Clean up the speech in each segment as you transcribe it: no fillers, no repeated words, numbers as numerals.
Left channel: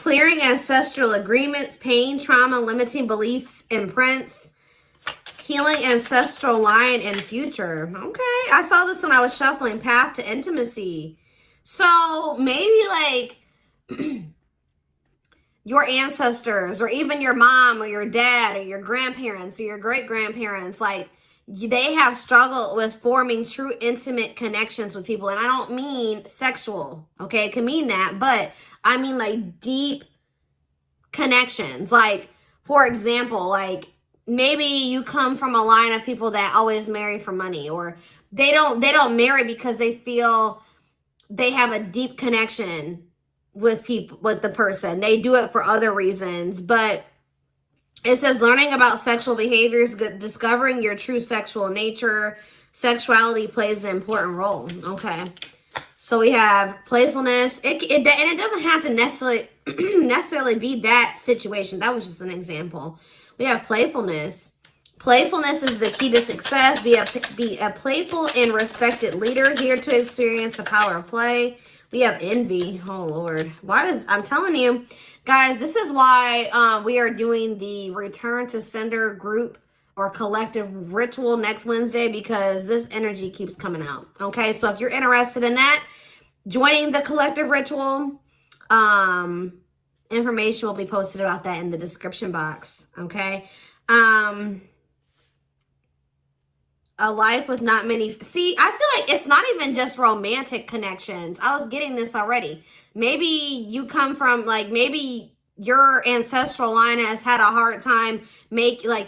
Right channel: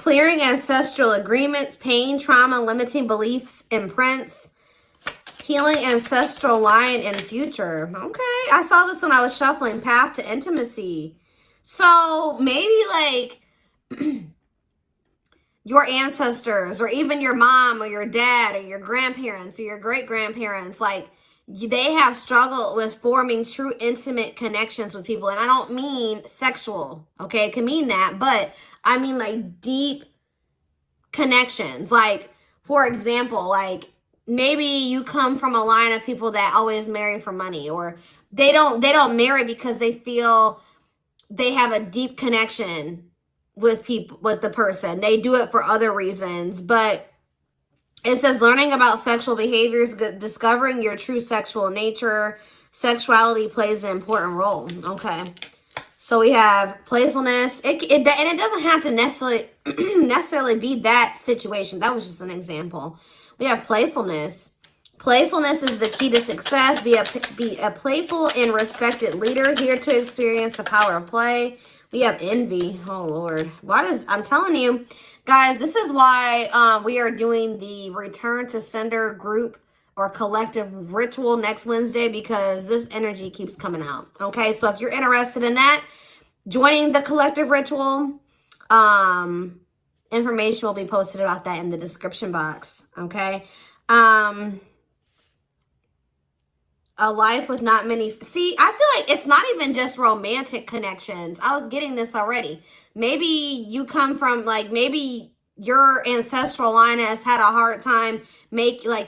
Clearing ancestral agreements, pain, trauma, limiting beliefs, imprints. Healing ancestral line and future. Okay, I saw this when I was shuffling. Path to intimacy. So maybe like your ancestors, or even your mom or your dad or your grandparents or your great-grandparents, like they have struggled with forming true intimate connections with people. And I don't mean sexual, okay? It can mean that, but I mean like deep connections. Like, for example, like maybe you come from a line of people that always marry for money, or they don't marry because they feel they have a deep connection with people, with the person. They do it for other reasons. But it says learning about sexual behaviors, discovering your true sexual nature. Sexuality plays an important role. Okay, so we have playfulness. And it doesn't have to necessarily be that situation. That was just an example. We have playfulness. Playfulness is the key to success. Be a playful and respected leader, here to experience the power of play. We have envy. Oh, Lord. I'm telling you, guys, this is why we are doing the return to sender group or collective ritual next Wednesday, because this energy keeps coming out. Okay, so if you're interested in that, joining the collective ritual, information will be posted about that in the description box. Okay. A life with not many. See, I feel like it's not even just romantic connections. I was getting this already. Maybe you come from, like, maybe your ancestral line has had a hard time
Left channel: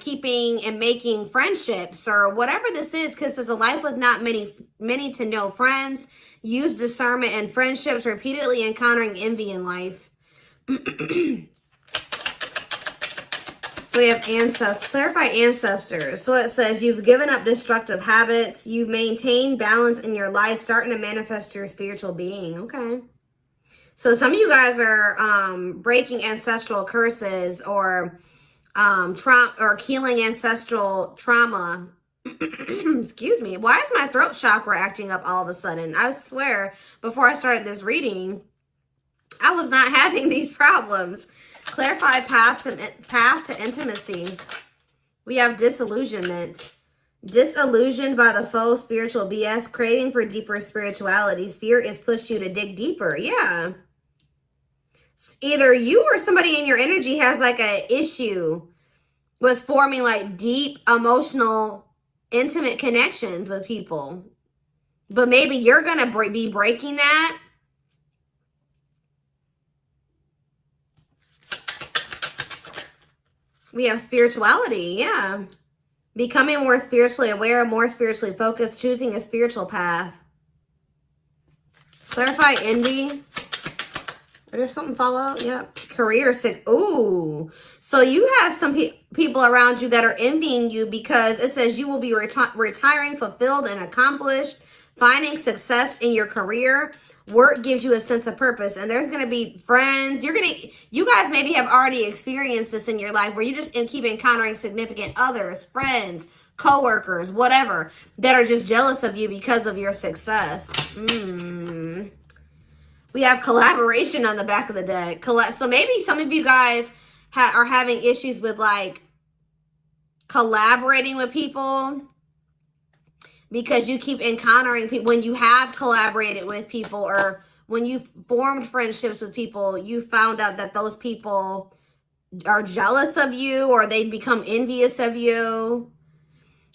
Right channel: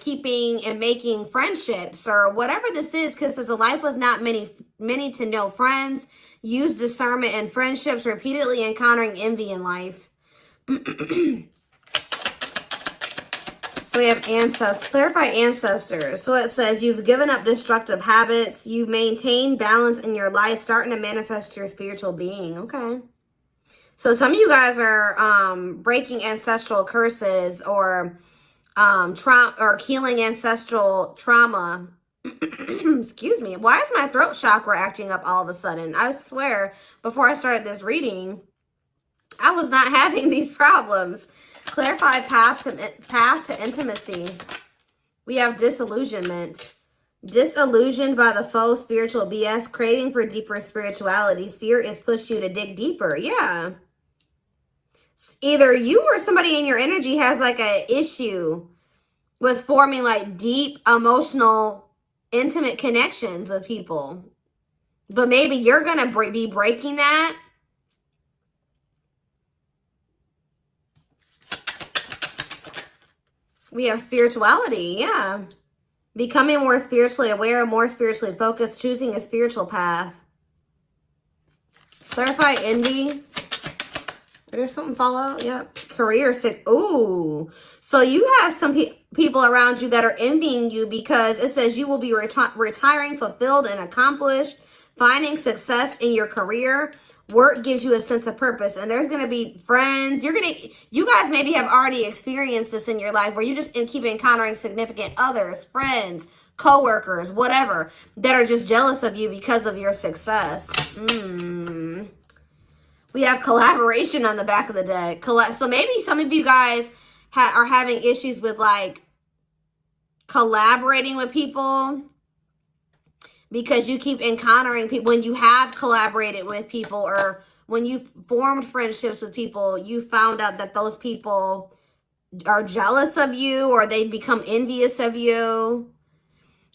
keeping and making friendships, or whatever this is, because it's a life with not many to no friends. Use discernment in friendships, repeatedly encountering envy in life. So we have ancestors. Clarify ancestors. So it says you've given up destructive habits. You maintain balance in your life, starting to manifest your spiritual being. Okay. So some of you guys are breaking ancestral curses, or trauma, or healing ancestral trauma. Excuse me. Why is my throat chakra acting up all of a sudden? I swear, before I started this reading, I was not having these problems. Clarify path to intimacy. We have disillusionment. Disillusioned by the faux spiritual BS, craving for deeper spirituality. Spirit has pushed you to dig deeper. Yeah. Either you or somebody in your energy has like an issue with forming like deep emotional, intimate connections with people. But maybe you're going to be breaking that. We have spirituality, yeah. Becoming more spiritually aware, more spiritually focused, choosing a spiritual path. Clarify envy. There's something follow. Yep. Career. Ooh. So you have some people around you that are envying you, because it says you will be retiring fulfilled and accomplished, finding success in your career. Work gives you a sense of purpose, and there's going to be friends. You guys maybe have already experienced this in your life, where you just keep encountering significant others, friends, co-workers, whatever, that are just jealous of you because of your success. We have collaboration on the back of the deck. So maybe some of you guys are having issues with like collaborating with people, because you keep encountering people. When you have collaborated with people, or when you've formed friendships with people, you found out that those people are jealous of you, or they become envious of you.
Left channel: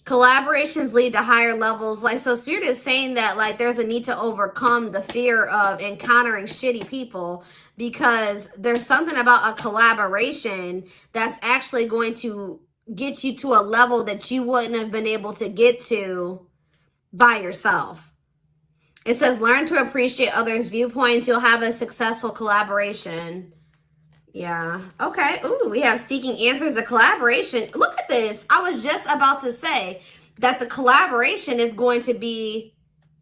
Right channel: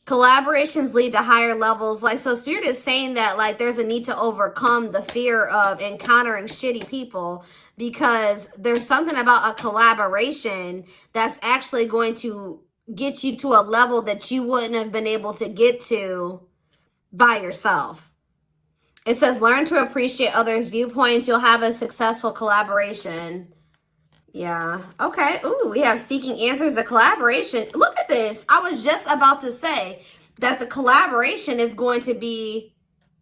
Collaborations lead to higher levels. Like, so Spirit is saying that like there's a need to overcome the fear of encountering shitty people, because there's something about a collaboration that's actually going to get you to a level that you wouldn't have been able to get to by yourself. It says learn to appreciate others' viewpoints. You'll have a successful collaboration. Yeah. Okay. Ooh, we have seeking answers. The collaboration. Look at this. I was just about to say that the collaboration is going to be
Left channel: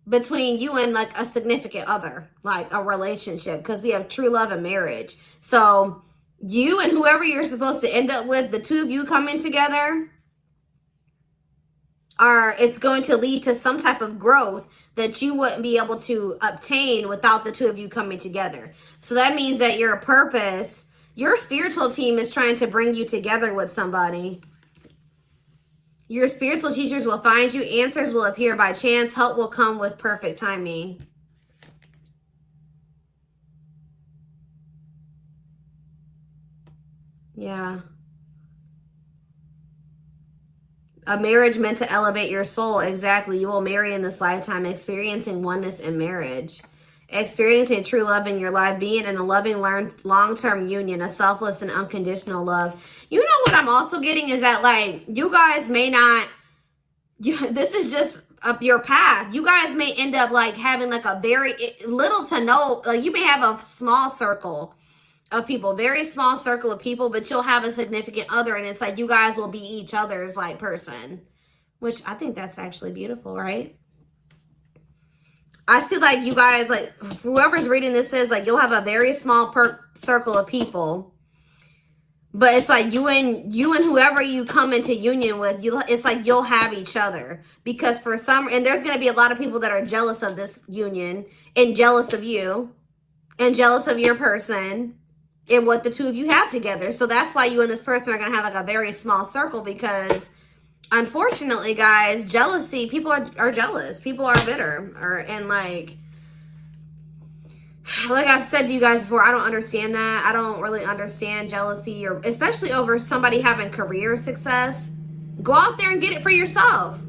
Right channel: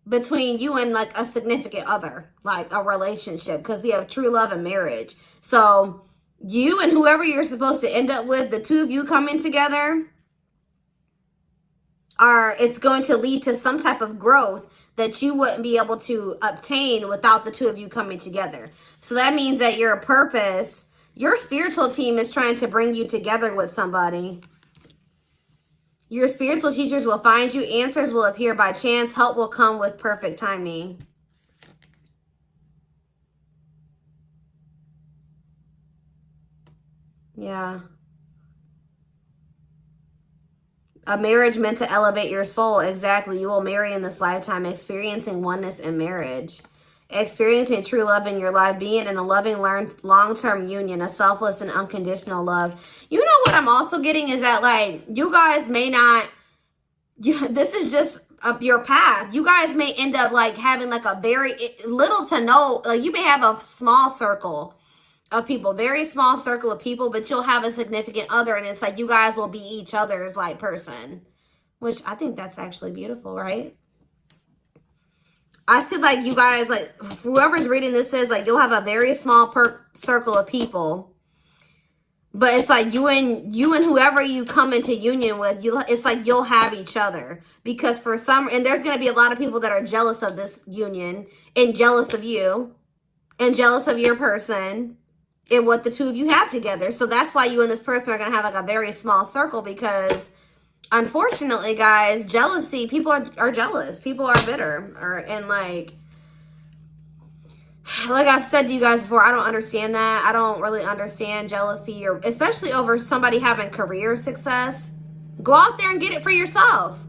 between you and like a significant other, like a relationship, because we have true love and marriage. So you and whoever you're supposed to end up with, the two of you coming together. it's going to lead to some type of growth that you wouldn't be able to obtain without the two of you coming together. So that means that your purpose, your spiritual team is trying to bring you together with somebody. Your spiritual teachers will find you. Answers will appear by chance. Help will come with perfect timing. Yeah. A marriage meant to elevate your soul. Exactly. You will marry in this lifetime, experiencing oneness in marriage. Experiencing true love in your life, being in a loving, long-term union, a selfless and unconditional love. You know what I'm also getting is that, like, you guys may not, this is just up your path. You guys may end up, like, having, like, a very little to no, like, you may have a small circle of people, very small circle of people, but you'll have a significant other, and it's like you guys will be each other's, like, person, which I think that's actually beautiful, right? I see, like, you guys, like, whoever's reading this says, like, you'll have a very small circle of people, but it's like you and whoever you come into union with, it's like you'll have each other, because for some, and there's going to be a lot of people that are jealous of this union, and jealous of you, and jealous of your person, and what the two of you have together. So that's why you and this person are going to have, like, a very small circle, because unfortunately, guys, jealousy, people are jealous. People are bitter. And like I've said to you guys before, I don't understand that. I don't really understand jealousy, or especially over somebody having career success. Go out there and get it for yourself.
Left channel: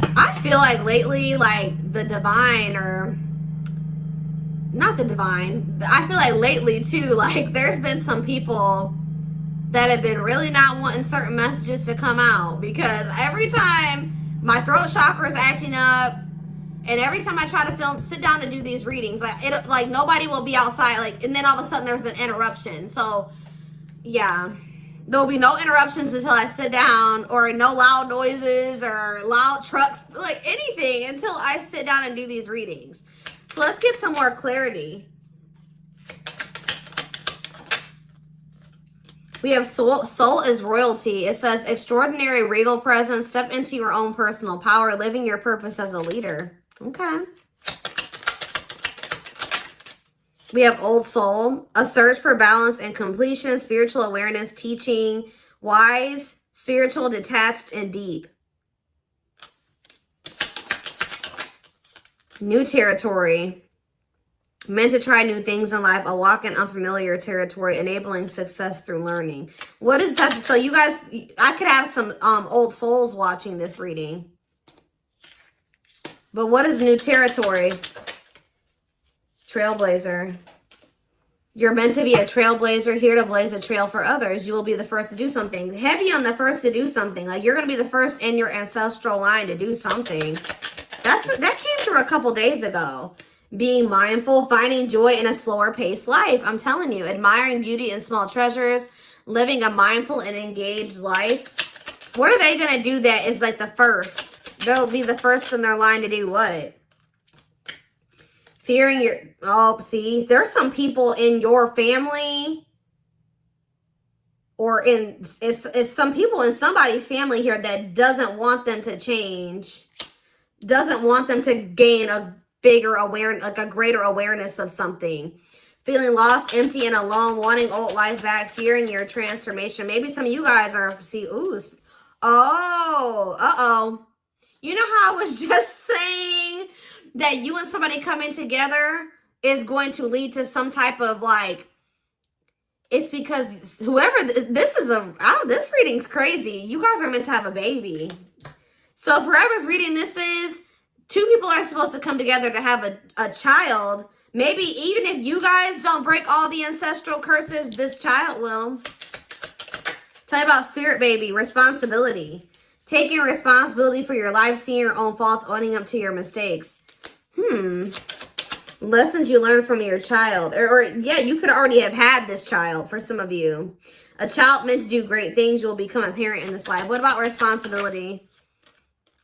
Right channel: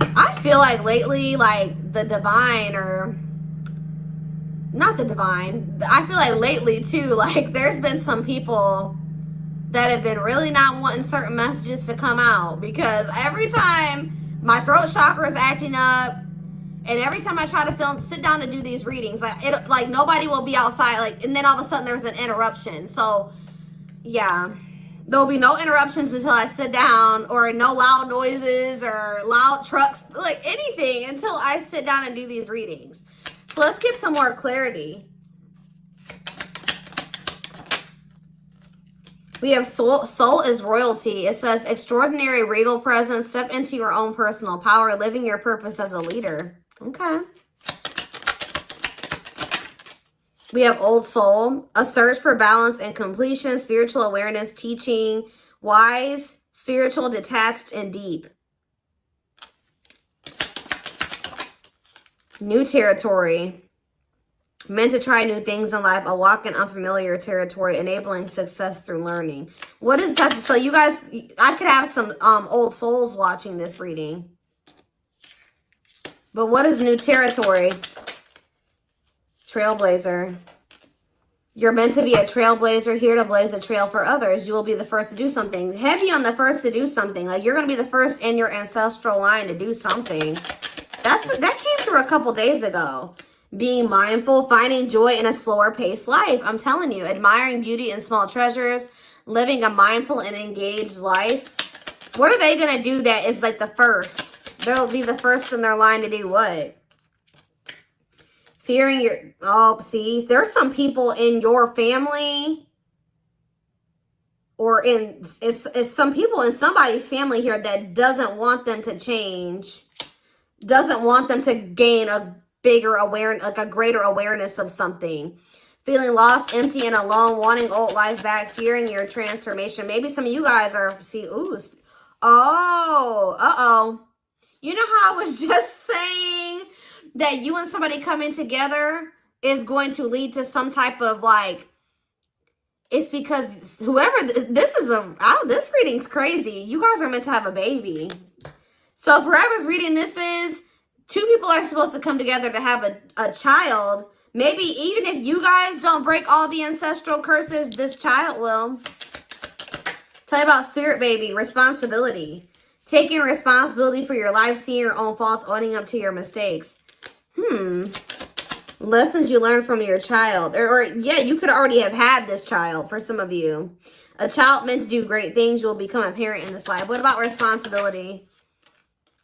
I feel like lately, like, the divine, or not the divine, but I feel like lately too, like, there's been some people that have been really not wanting certain messages to come out, because every time my throat chakra is acting up, and every time I try to sit down to do these readings, like nobody will be outside, like, and then all of a sudden there's an interruption. So yeah, there'll be no interruptions until I sit down, or no loud noises or loud trucks, like anything, until I sit down and do these readings. So let's get some more clarity. We have soul is royalty. It says extraordinary regal presence. Step into your own personal power, living your purpose as a leader. Okay. We have old soul, a search for balance and completion, spiritual awareness, teaching, wise, spiritual, detached, and deep. New territory. Meant to try new things in life, a walk in unfamiliar territory, enabling success through learning. What is that? So you guys, I could have some old souls watching this reading. But what is new territory? Trailblazer. You're meant to be a trailblazer, here to blaze a trail for others. You will be the first to do something. Heavy on the first to do something. Like, you're going to be the first in your ancestral line to do something. That came through a couple days ago. Being mindful, finding joy in a slower paced life. I'm telling you, admiring beauty in small treasures, living a mindful and engaged life. What are they going to do that is like the first? They'll be the first in their line to do what? Fearing your, oh, see, there's some people in your family, or it's some people in somebody's family here that doesn't want them to change, doesn't want them to gain a bigger awareness, like a greater awareness of something. Feeling lost, empty, and alone, wanting old life back, fearing your transformation. Maybe some of you guys are, see, ooh, oh, you know how I was just saying that you and somebody coming together is going to lead to some type of, like, it's because whoever, this reading's crazy. You guys are meant to have a baby. So whoever's reading this is, two people are supposed to come together to have a child. Maybe even if you guys don't break all the ancestral curses, this child will. Tell you about spirit baby, responsibility. Taking responsibility for your life, seeing your own faults, owning up to your mistakes. Lessons you learned from your child. Or yeah, you could already have had this child for some of you. A child meant to do great things. You'll become a parent in this life. What about responsibility?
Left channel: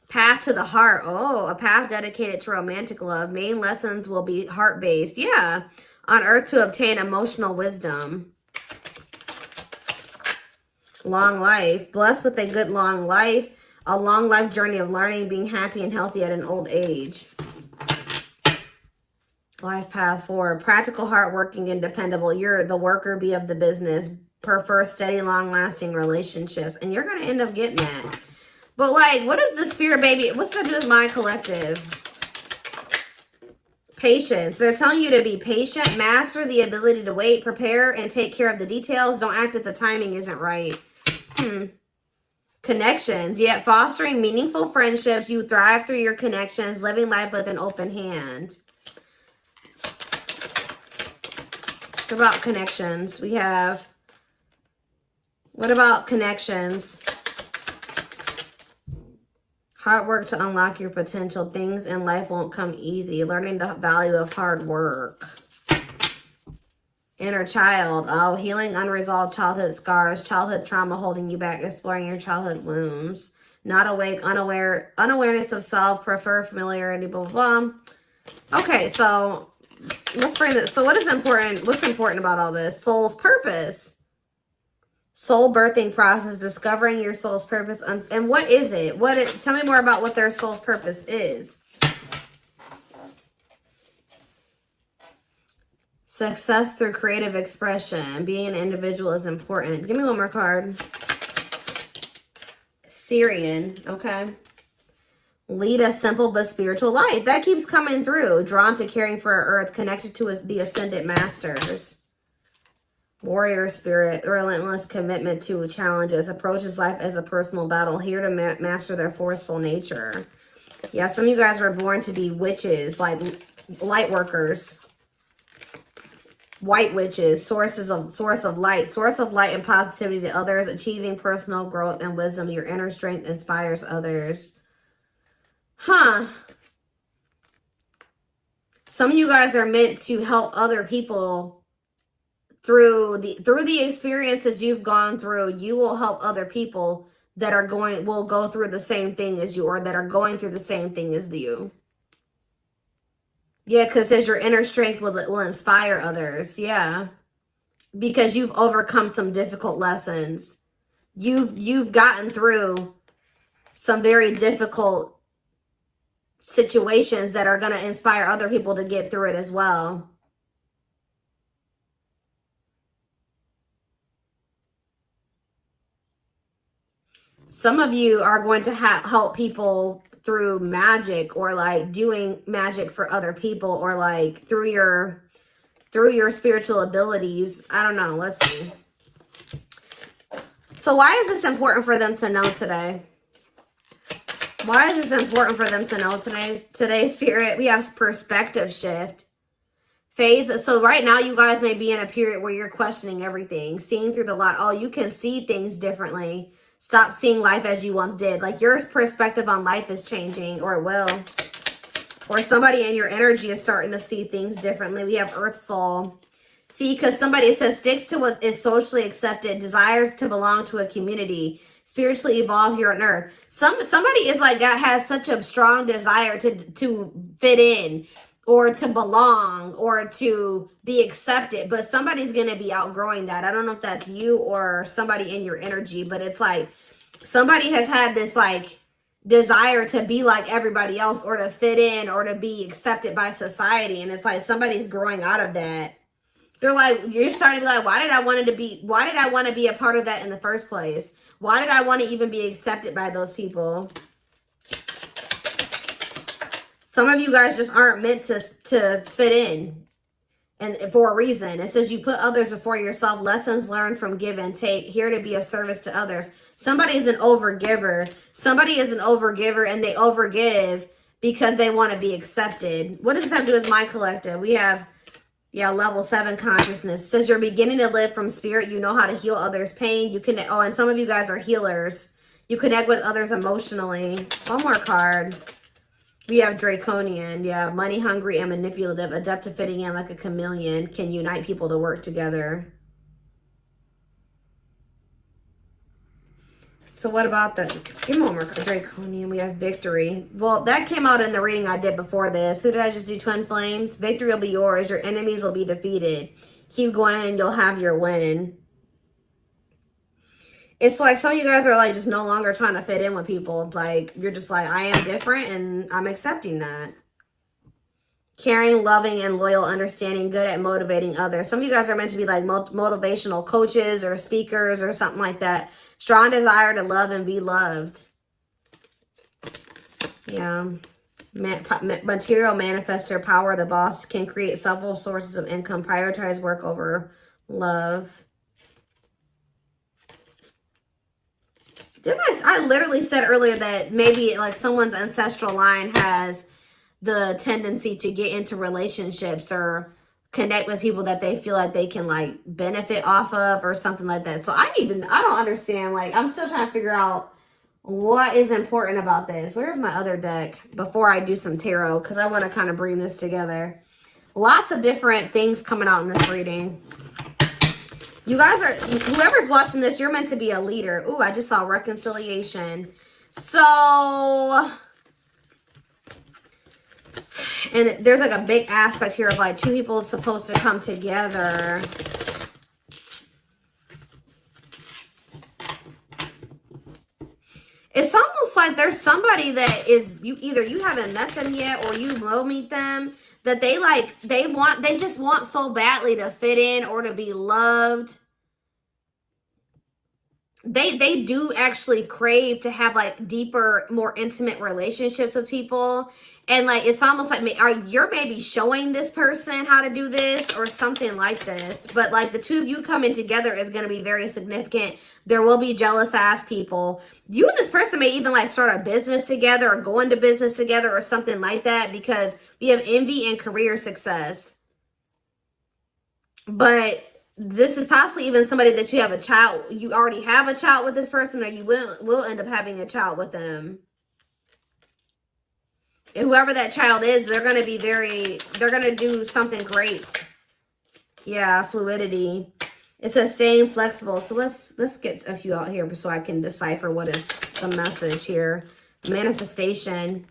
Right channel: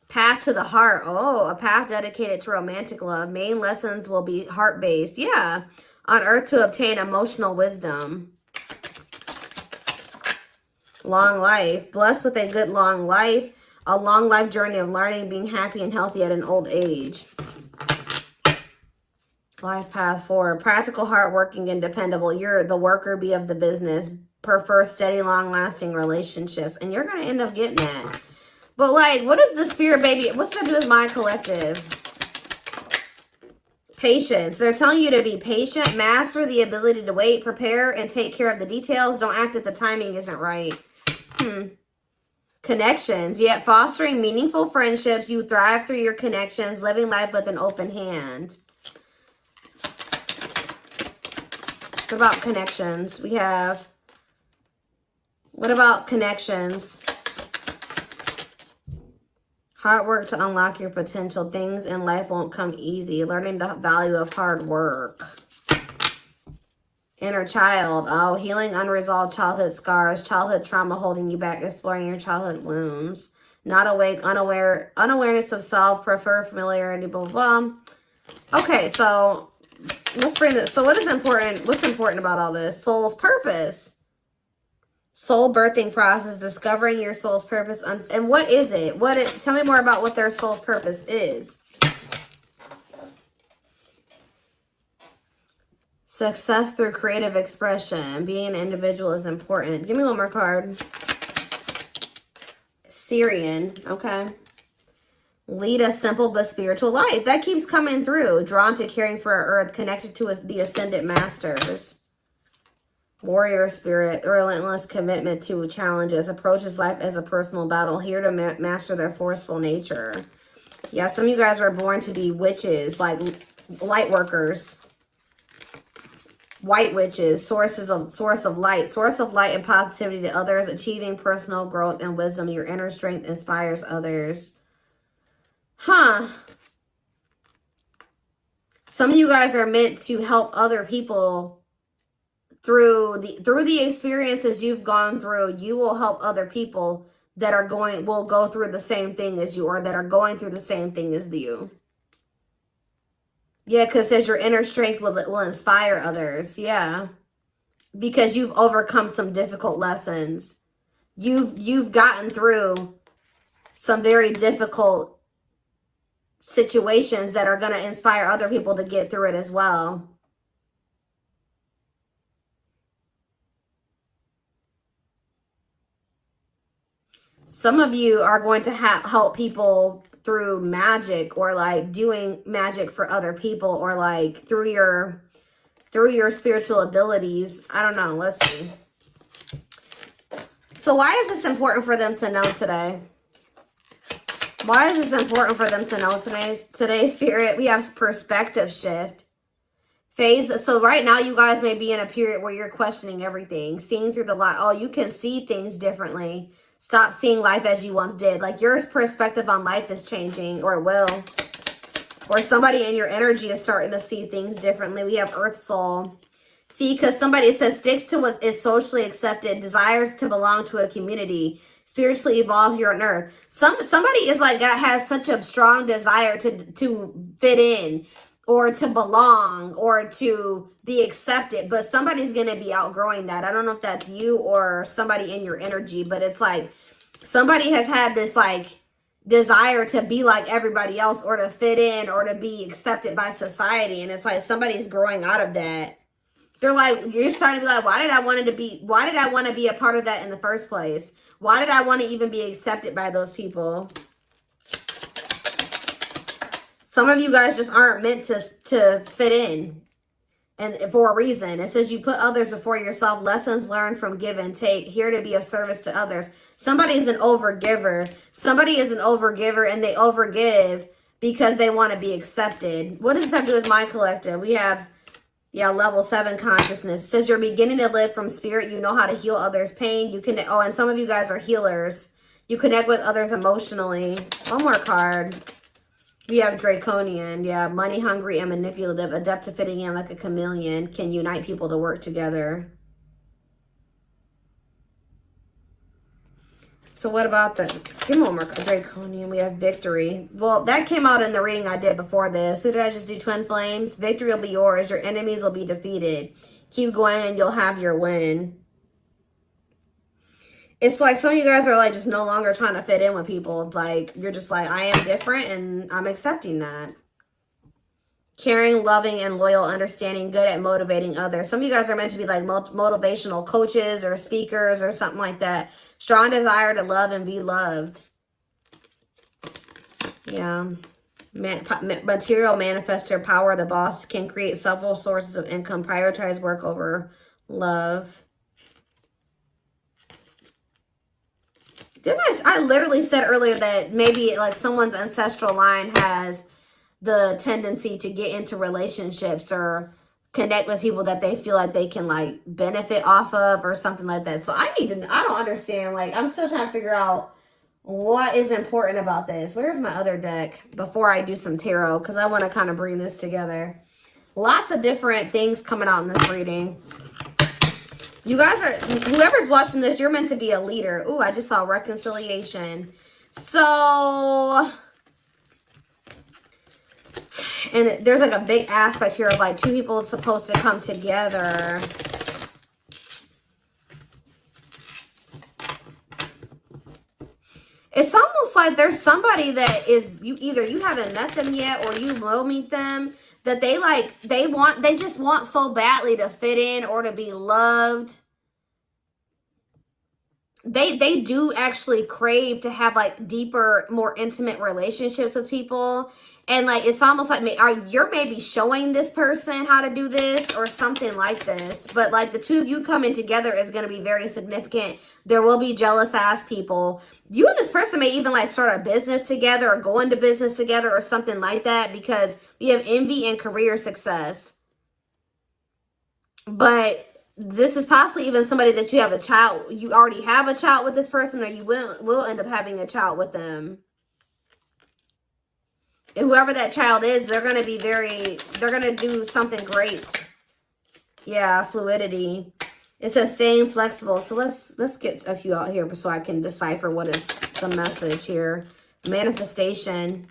Path to the heart. Oh, a path dedicated to romantic love. Main lessons will be heart-based. Yeah. On earth to obtain emotional wisdom. Long life. Blessed with a good long life. A long life journey of learning, being happy and healthy at an old age. Life path forward. Practical, hardworking, and dependable. You're the worker bee of the business. Prefer steady, long-lasting relationships. And you're going to end up getting that. But, like, what is the spirit, baby? What's that do with my collective? Patience. They're telling you to be patient. Master the ability to wait. Prepare and take care of the details. Don't act if the timing isn't right. Connections. Yet fostering meaningful friendships. You thrive through your connections. Living life with an open hand. What about connections? We have, what about connections? Hard work to unlock your potential. Things in life won't come easy. Learning the value of hard work. Inner child. Oh, healing unresolved childhood scars. Childhood trauma holding you back. Exploring your childhood wounds. Not awake. Unaware. Unawareness of self. Prefer familiarity. Blah, blah, blah. Okay, so let's bring this. So what is important? What's important about all this? Soul's purpose. Soul birthing process. Discovering your soul's purpose. And what is it? Tell me more about what their soul's purpose is. Success through creative expression. Being an individual is important. Give me one more card. Syrian. Okay. Lead a simple but spiritual life. That keeps coming through. Drawn to caring for our earth. Connected to the ascended masters. Warrior spirit. Relentless commitment to challenges. Approaches life as a personal battle. Here to master their forceful nature. Yeah, some of you guys were born to be witches. Like light workers. White witches. Source of light. Source of light and positivity to others. Achieving personal growth and wisdom. Your inner strength inspires others. Huh. Some of you guys are meant to help other people through the experiences you've gone through. You will help other people that will go through the same thing as you, or that are going through the same thing as you. Yeah, because it says your inner strength will inspire others. Yeah. Because you've overcome some difficult lessons. You've gotten through some very difficult situations that are going to inspire other people to get through it as well. Some of you are going to help people through magic, or like doing magic for other people, or like through your spiritual abilities. I don't know. Let's see. So why is this important for them to know today? Why is this important for them to know today, Spirit? We have perspective shift. Phase. So right now you guys may be in a period where you're questioning everything. Seeing through the light. Oh, you can see things differently. Stop seeing life as you once did. Like your perspective on life is changing, or will. Or somebody in your energy is starting to see things differently. We have Earth Soul. See, because somebody says sticks to what is socially accepted, desires to belong to a community, spiritually evolve here on Earth. Somebody is like has such a strong desire to fit in, or to belong, or to be accepted, but somebody's going to be outgrowing that. I don't know if that's you or somebody in your energy, but it's like somebody has had this like desire to be like everybody else, or to fit in, or to be accepted by society, and it's like somebody's growing out of that. They're like, you're starting to be like, why did I want to be a part of that in the first place? Why did I want to even be accepted by those people? Some of you guys just aren't meant to fit in, and for a reason. It says you put others before yourself. Lessons learned from give and take. Here to be of service to others. Somebody's an overgiver. Somebody is an overgiver, and they overgive because they want to be accepted. What does this have to do with my collective? We have, yeah, level 7 consciousness. It says you're beginning to live from spirit. You know how to heal others' pain. You can. Oh, and some of you guys are healers. You connect with others emotionally. One more card. We have Draconian. Yeah, money hungry and manipulative, adept to fitting in like a chameleon, can unite people to work together. So what about the, give me one more draconian. We have victory. Well, that came out in the reading I did before this. Who did I just do? Twin flames. Victory will be yours. Your enemies will be defeated. Keep going. You'll have your win. It's like some of you guys are like just no longer trying to fit in with people. Like you're just like, I am different and I'm accepting that. Caring, loving, and loyal, understanding, good at motivating others. Some of you guys are meant to be like motivational coaches or speakers or something like that. Strong desire to love and be loved. Yeah. Material manifestor power. The boss can create several sources of income. Prioritize work over love. Didn't I literally said earlier that maybe like someone's ancestral line has the tendency to get into relationships or connect with people that they feel like they can like benefit off of or something like that. So I don't understand. Like I'm still trying to figure out what is important about this. Where's my other deck before I do some tarot? Because I want to kind of bring this together. Lots of different things coming out in this reading. You guys are, whoever's watching this, you're meant to be a leader. Ooh, I just saw reconciliation. So, and there's like a big aspect here of like two people supposed to come together. It's almost like there's somebody that is, either you haven't met them yet or you will meet them, that they just want so badly to fit in or to be loved. They do actually crave to have like deeper, more intimate relationships with people. And like, it's almost like you're maybe showing this person how to do this or something like this. But like the two of you coming together is going to be very significant. There will be jealous ass people. You and this person may even like start a business together or go into business together or something like that, because we have envy and career success. But this is possibly even somebody that you have a child. You already have a child with this person, or you will end up having a child with them. And whoever that child is, they're going to be they're going to do something great. Yeah, fluidity. It says staying flexible. So let's get a few out here so I can decipher what is the message here. Manifestation.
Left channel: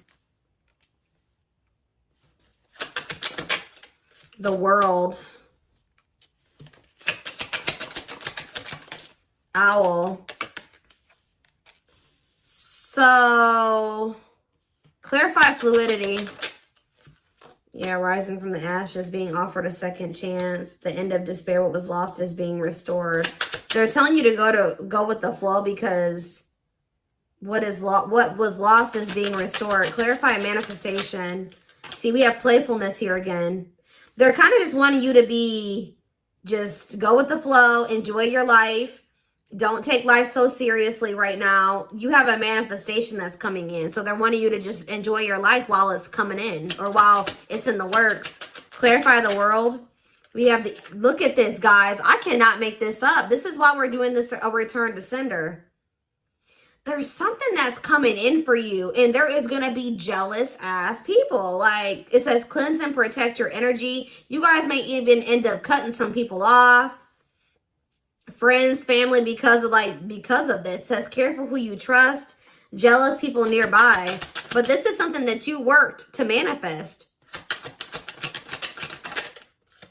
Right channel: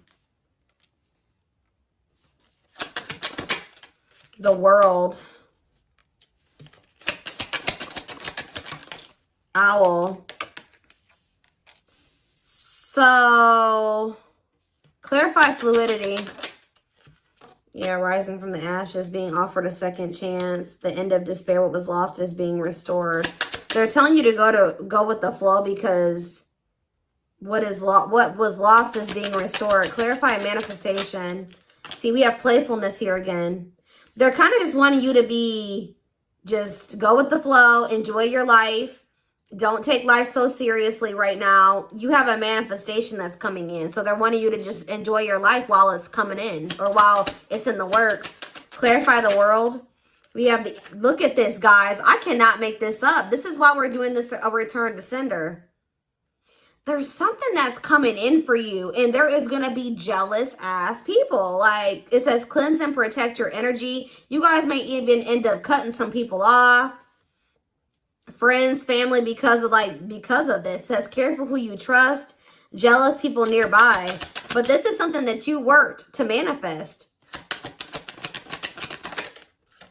The world. Owl. So clarify fluidity. Yeah, rising from the ashes, being offered a second chance. The end of despair, what was lost is being restored. They're telling you to go with the flow, because what was lost is being restored. Clarify manifestation. See, we have playfulness here again. They're kind of just wanting you to be, just go with the flow, enjoy your life. Don't take life so seriously right now. You have a manifestation that's coming in. So they're wanting you to just enjoy your life while it's coming in, or while it's in the works. Clarify the world. We have the, look at this, guys. I cannot make this up. This is why we're doing this, a return to sender. There's something that's coming in for you, and there is going to be jealous ass people. Like it says, cleanse and protect your energy. You guys may even end up cutting some people off. Friends, family, because of this. It says care for who you trust. Jealous people nearby. But this is something that you worked to manifest.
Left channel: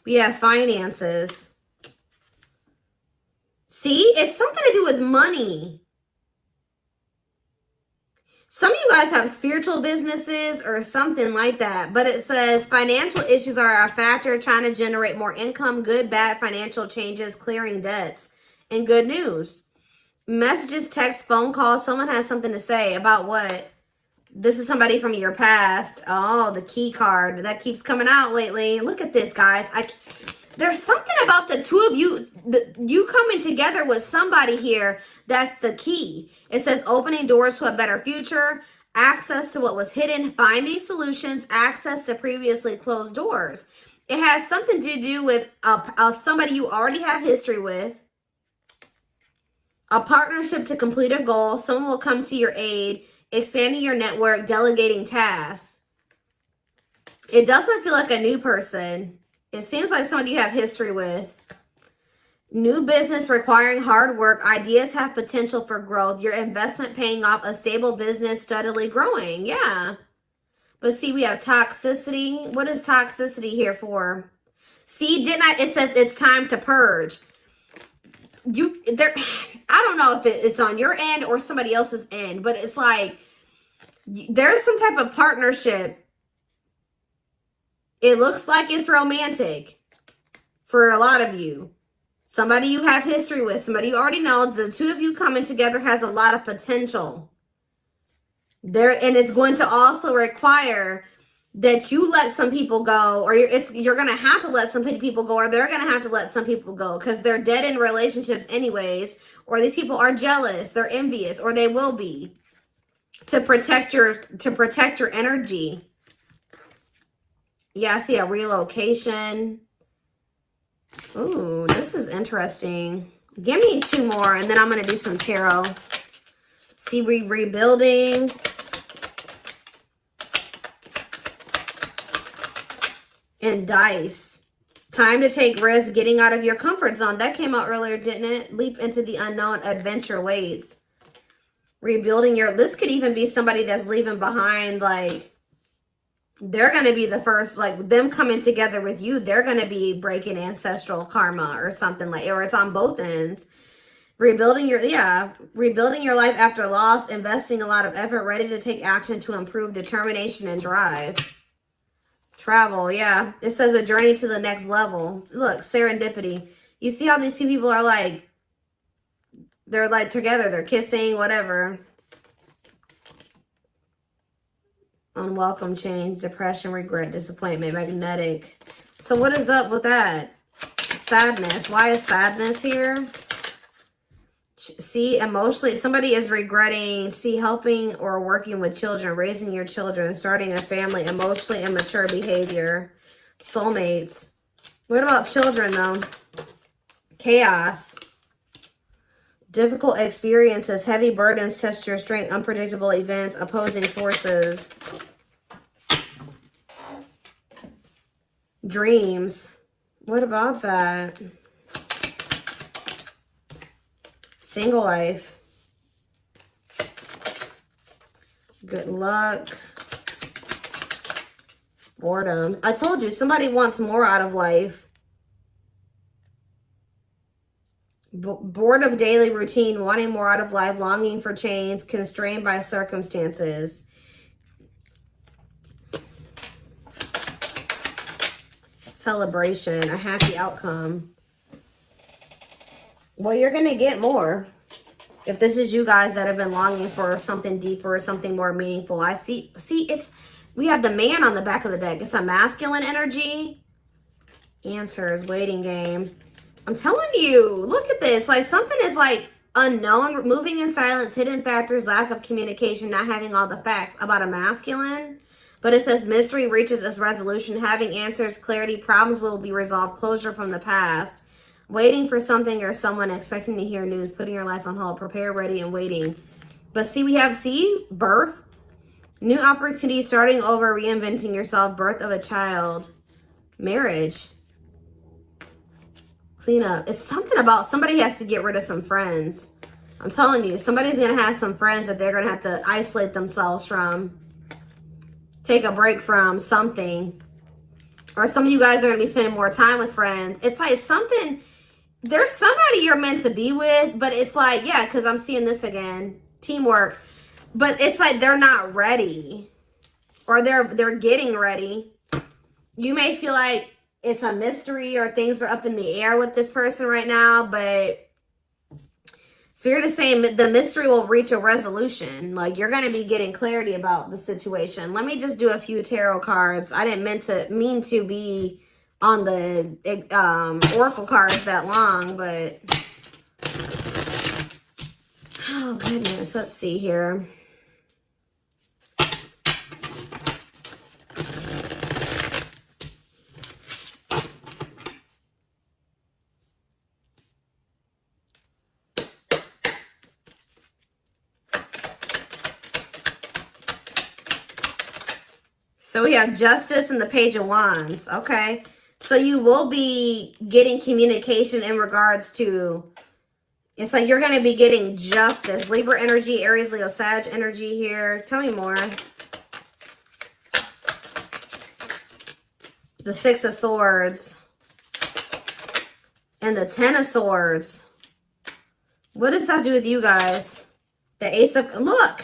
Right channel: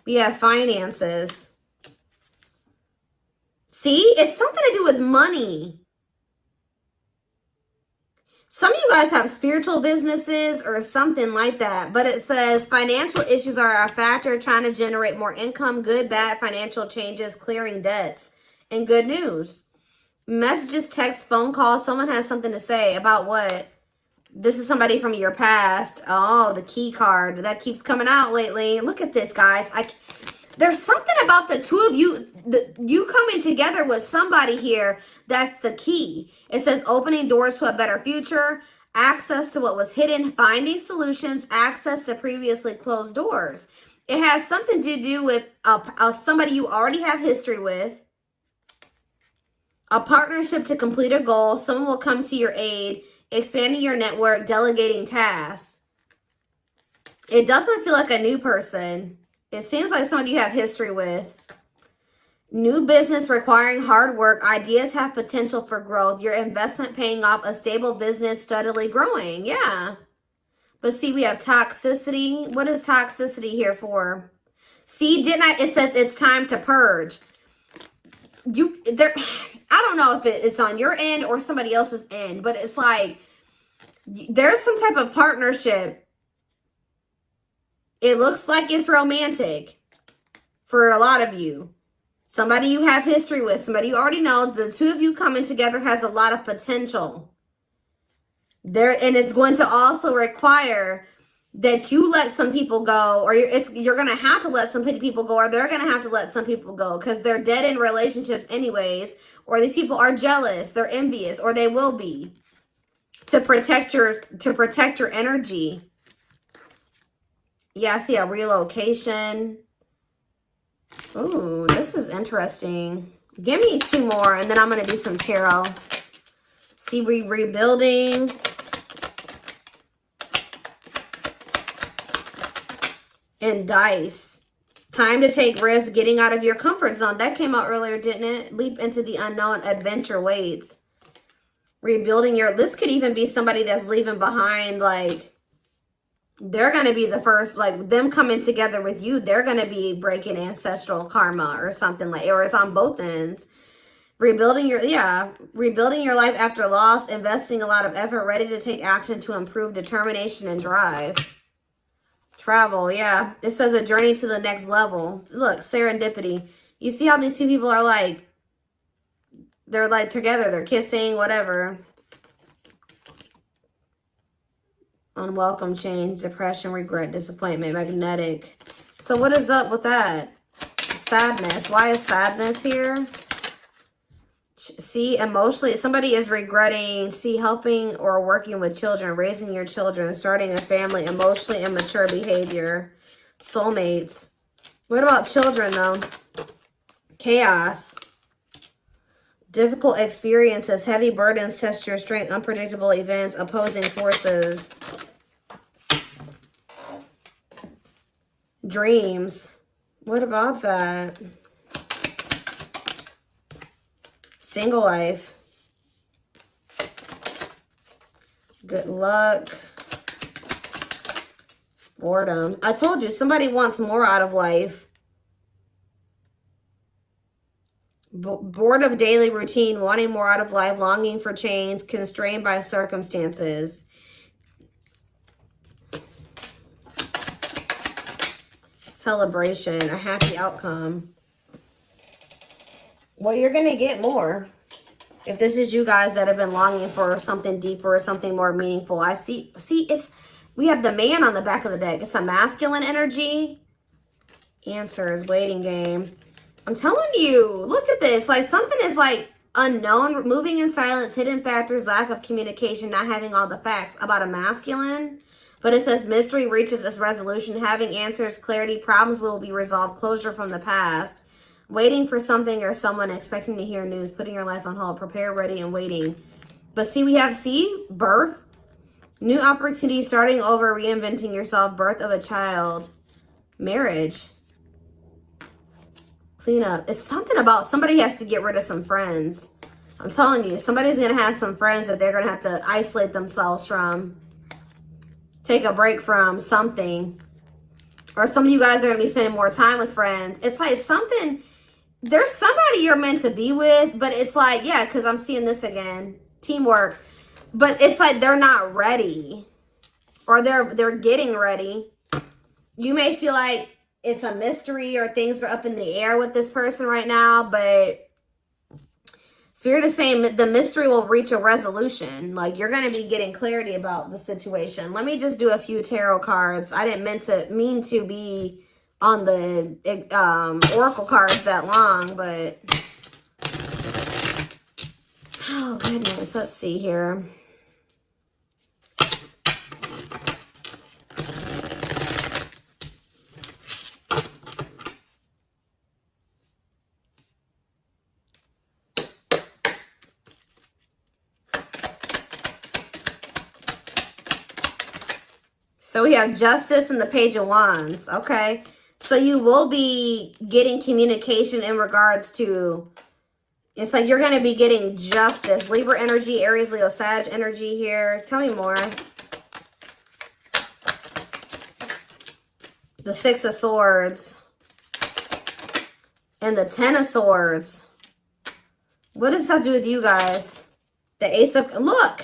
We have finances. See, it's something to do with money. Some of you guys have spiritual businesses or something like that. But it says financial issues are a factor, trying to generate more income, good, bad financial changes, clearing debts, and good news. Messages, text, phone calls. Someone has something to say about what? This is somebody from your past. Oh, the key card. That keeps coming out lately. Look at this, guys. There's something about the two of you, you coming together with somebody here. That's the key. It says opening doors to a better future, access to what was hidden, finding solutions, access to previously closed doors. It has something to do with somebody you already have history with, a partnership to complete a goal. Someone will come to your aid, expanding your network, delegating tasks. It doesn't feel like a new person. It seems like somebody you have history with. New business requiring hard work. Ideas have potential for growth. Your investment paying off. A stable business steadily growing. Yeah. But see, we have toxicity. What is toxicity here for? See, it says it's time to purge. I don't know if it's on your end or somebody else's end, but it's like there's some type of partnership. It looks like it's romantic for a lot of you. Somebody you have history with, somebody you already know. The two of you coming together has a lot of potential there, and it's going to also require that you let some people go, or you're going to have to let some people go, or they're going to have to let some people go because they're dead in relationships anyways, or these people are jealous, they're envious, or they will be, to protect your energy. Yeah, I see a relocation. Oh, this is interesting. Give me 2 more, and then I'm going to do some tarot. See, rebuilding. And dice. Time to take risks, getting out of your comfort zone. That came out earlier, didn't it? Leap into the unknown, adventure waits. Rebuilding this could even be somebody that's leaving behind, like, they're going to be the first, like, them coming together with you, they're going to be breaking ancestral karma or something, like, or it's on both ends. Rebuilding your life after loss, investing a lot of effort, ready to take action to improve, determination and drive. Travel, yeah. It says a journey to the next level. Look, serendipity. You see how these two people are like, they're like together, they're kissing, whatever. Unwelcome change, depression, regret, disappointment, magnetic. So what is up with that? Sadness. Why is sadness here? See, emotionally, somebody is regretting, see, helping or working with children, raising your children, starting a family, emotionally immature behavior, soulmates. What about children, though? Chaos. Difficult experiences, heavy burdens, test your strength, unpredictable events, opposing forces. Dreams. What about that? Single life. Good luck. Boredom. I told you, somebody wants more out of life. Bored of daily routine, wanting more out of life, longing for change, constrained by circumstances. Celebration, a happy outcome. Well, you're going to get more. If this is you guys that have been longing for something deeper, something more meaningful. I see, we have the man on the back of the deck. It's a masculine energy. Answers, waiting game. I'm telling you, look at this. Like something is like unknown, moving in silence, hidden factors, lack of communication, not having all the facts about a masculine. But it says mystery reaches its resolution, having answers, clarity, problems will be resolved, closure from the past. Waiting for something or someone, expecting to hear news, putting your life on hold, prepare, ready, and waiting. But see, we have, birth, new opportunity, starting over, reinventing yourself, birth of a child, marriage, clean up. It's something about somebody has to get rid of some friends. I'm telling you, somebody's going to have some friends that they're going to have to isolate themselves from, take a break from something. Or some of you guys are going to be spending more time with friends. It's like something... There's somebody you're meant to be with, but it's like, yeah, because I'm seeing this again. Teamwork. But it's like they're not ready. Or they're getting ready. You may feel like it's a mystery or things are up in the air with this person right now, but Spirit is saying the mystery will reach a resolution. Like you're going to be getting clarity about the situation. Let me just do a few tarot cards. I didn't mean to be on the oracle cards that long, but oh goodness, let's see here. So we have Justice and the Page of Wands. Okay. So you will be getting communication in regards to, it's like you're going to be getting justice. Libra energy, Aries, Leo, Sag energy here. Tell me more. The Six of Swords. And the Ten of Swords. What does this have to do with you guys? The Ace of, look.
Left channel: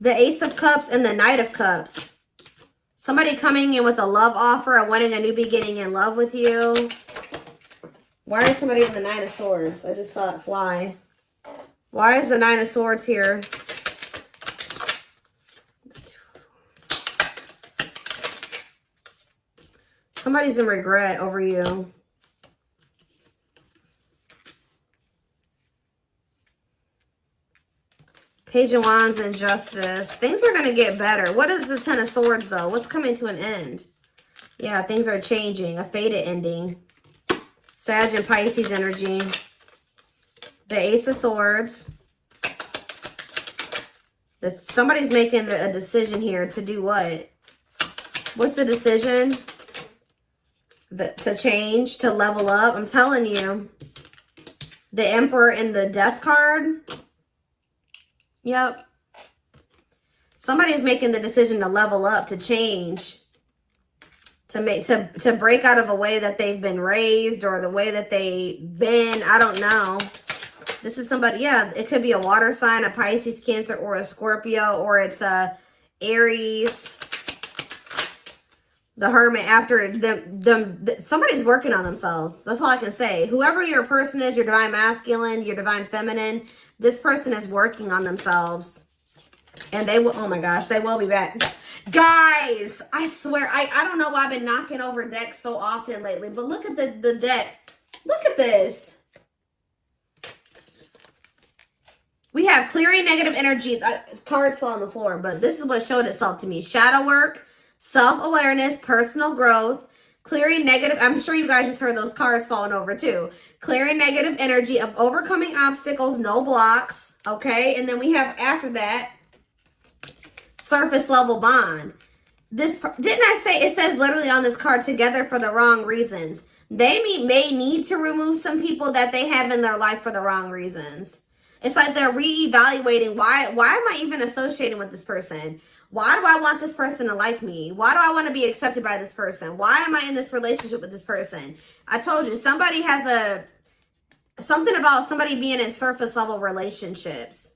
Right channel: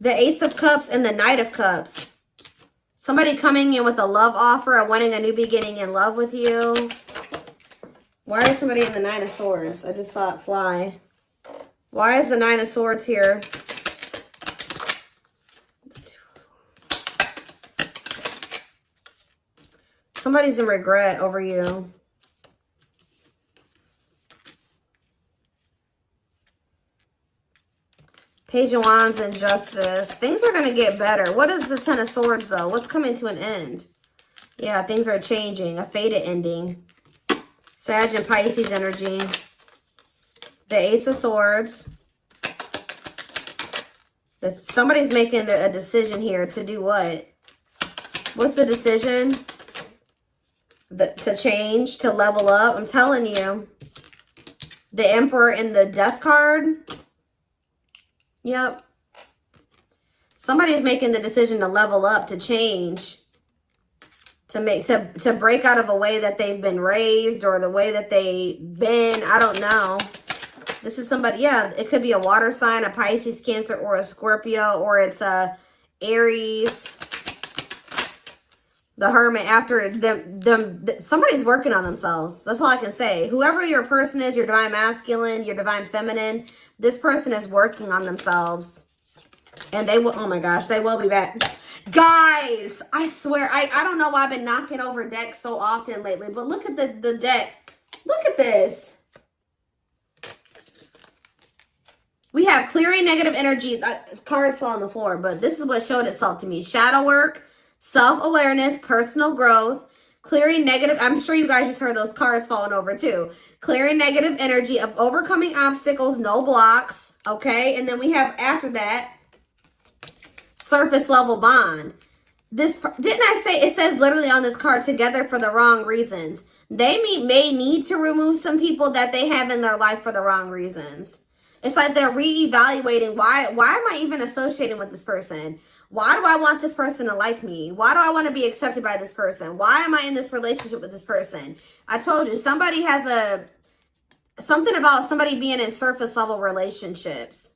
The Ace of Cups and the Knight of Cups. Somebody coming in with a love offer and wanting a new beginning in love with you. Why is somebody in the Nine of Swords? I just saw it fly. Why is the Nine of Swords here? Somebody's in regret over you. Page of Wands and Justice. Things are going to get better. What is the Ten of Swords, though? What's coming to an end? Yeah, things are changing. A faded ending. Sag and Pisces energy. The Ace of Swords. Somebody's making a decision here to do what? What's the decision? To change, to level up. I'm telling you. The Emperor in the Death card. Yep. Somebody is making the decision to level up, to change, to break out of a way that they've been raised or the way that they've been. I don't know. This is somebody, yeah, it could be a water sign, a Pisces, Cancer, or a Scorpio, or it's a Aries. The Hermit, after somebody's working on themselves. That's all I can say. Whoever your person is, your divine masculine, your divine feminine, this person is working on themselves. And they will, oh my gosh, they will be back. Guys, I swear, I don't know why I've been knocking over decks so often lately, but look at the deck. Look at this. We have clearing negative energy. Cards fall on the floor, but this is what showed itself to me. Shadow work, self-awareness, personal growth, clearing negative. I'm sure you guys just heard those cards falling over too. Clearing negative energy of overcoming obstacles, no blocks. Okay, and then we have after that, surface level bond. This, didn't I say, it says literally on this card, together for the wrong reasons. They may need to remove some people that they have in their life for the wrong reasons. It's like they're reevaluating, why am I even associating with this person? Why do I want this person to like me? Why do I want to be accepted by this person? Why am I in this relationship with this person? I told you, somebody has something about somebody being in surface level relationships.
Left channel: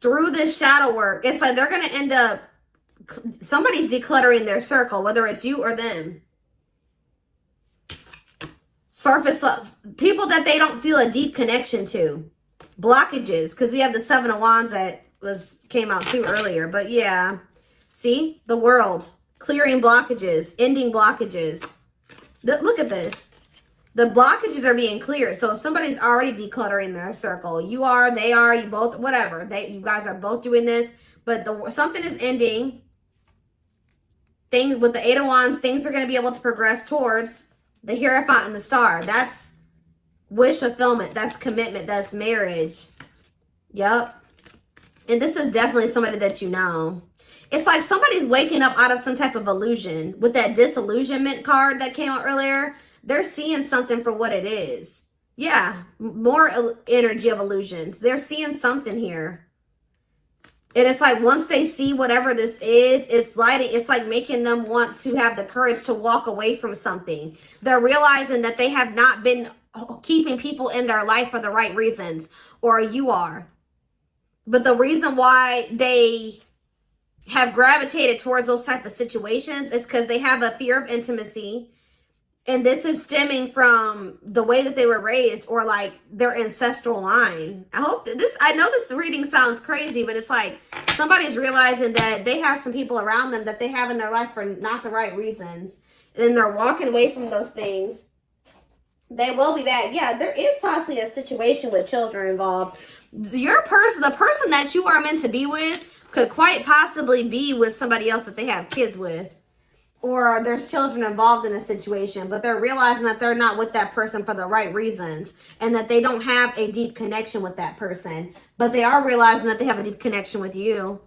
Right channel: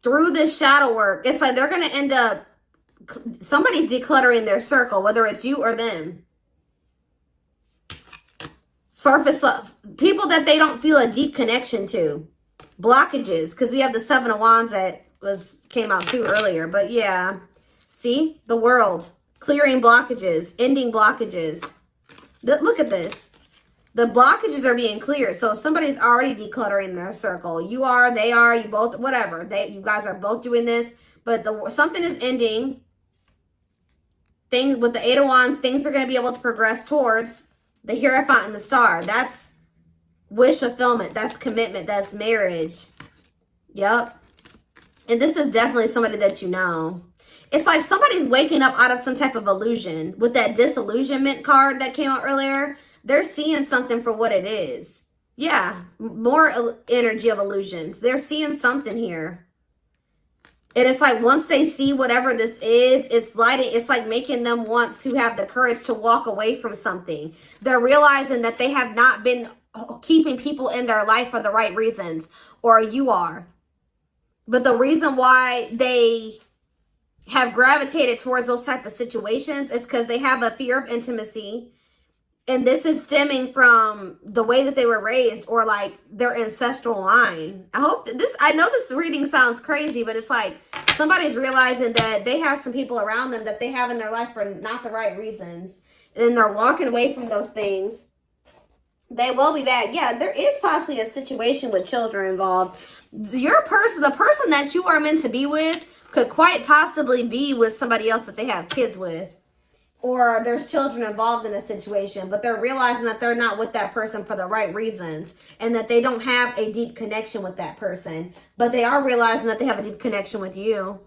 Through this shadow work, it's like they're going to end up, somebody's decluttering their circle, whether it's you or them. Surface, people that they don't feel a deep connection to. Blockages, because we have the Seven of Wands that came out too earlier. But yeah, see, the World, clearing blockages, ending blockages. Look at this. The blockages are being cleared. So if somebody's already decluttering their circle, you are, they are, you both, whatever. You guys are both doing this, but something is ending. Things with the Eight of Wands, things are going to be able to progress towards the Hierophant and the Star. That's wish fulfillment. That's commitment. That's marriage. Yep. And this is definitely somebody that you know. It's like somebody's waking up out of some type of illusion. With that disillusionment card that came out earlier, they're seeing something for what it is. Yeah, more energy of illusions. They're seeing something here. And it's like once they see whatever this is, it's like making them want to have the courage to walk away from something. They're realizing that they have not been keeping people in their life for the right reasons, or you are. But the reason why they have gravitated towards those type of situations is because they have a fear of intimacy. And this is stemming from the way that they were raised, or like their ancestral line. I know this reading sounds crazy, but it's like somebody's realizing that they have some people around them that they have in their life for not the right reasons. And they're walking away from those things. They will be back. Yeah, there is possibly a situation with children involved. The person that you are meant to be with could quite possibly be with somebody else that they have kids with. Or there's children involved in a situation, but they're realizing that they're not with that person for the right reasons, and that they don't have a deep connection with that person, but they are realizing that they have a deep connection with you.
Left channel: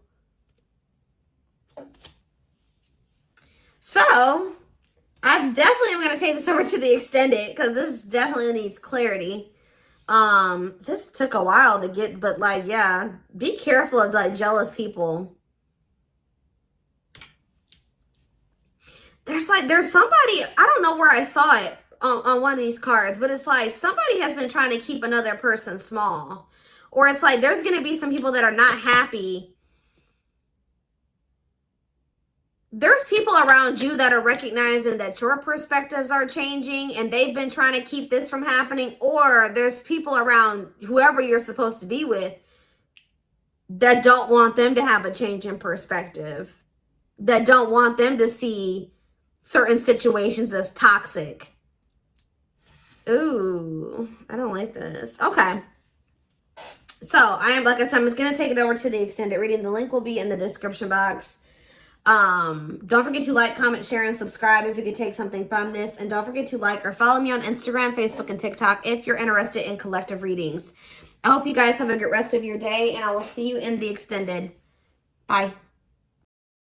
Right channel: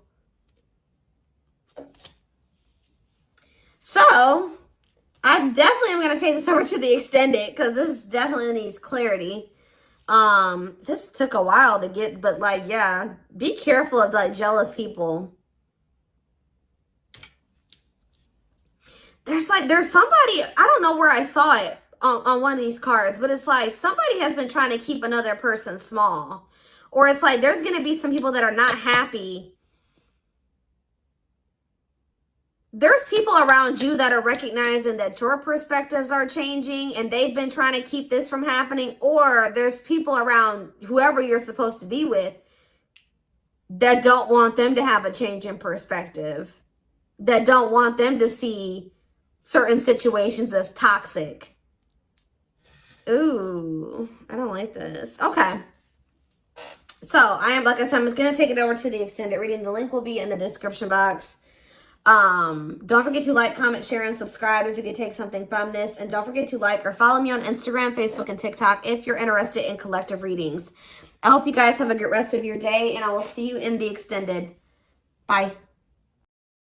So I definitely am going to take this over to the extended because this definitely needs clarity. This took a while to get, but like, yeah, be careful of like jealous people. There's somebody, I don't know where I saw it on one of these cards, but it's like somebody has been trying to keep another person small. Or it's like there's going to be some people that are not happy. There's people around you that are recognizing that your perspectives are changing and they've been trying to keep this from happening. Or there's people around whoever you're supposed to be with that don't want them to have a change in perspective, that don't want them to see certain situations as toxic. Ooh, I don't like this. Okay. So I am, like I said, I'm just going to take it over to the extended reading. The link will be in the description box. Don't forget to like, comment, share, and subscribe if you could take something from this. And don't forget to like or follow me on Instagram, Facebook, and TikTok if you're interested in collective readings. I hope you guys have a good rest of your day, and I will see you in the extended. Bye.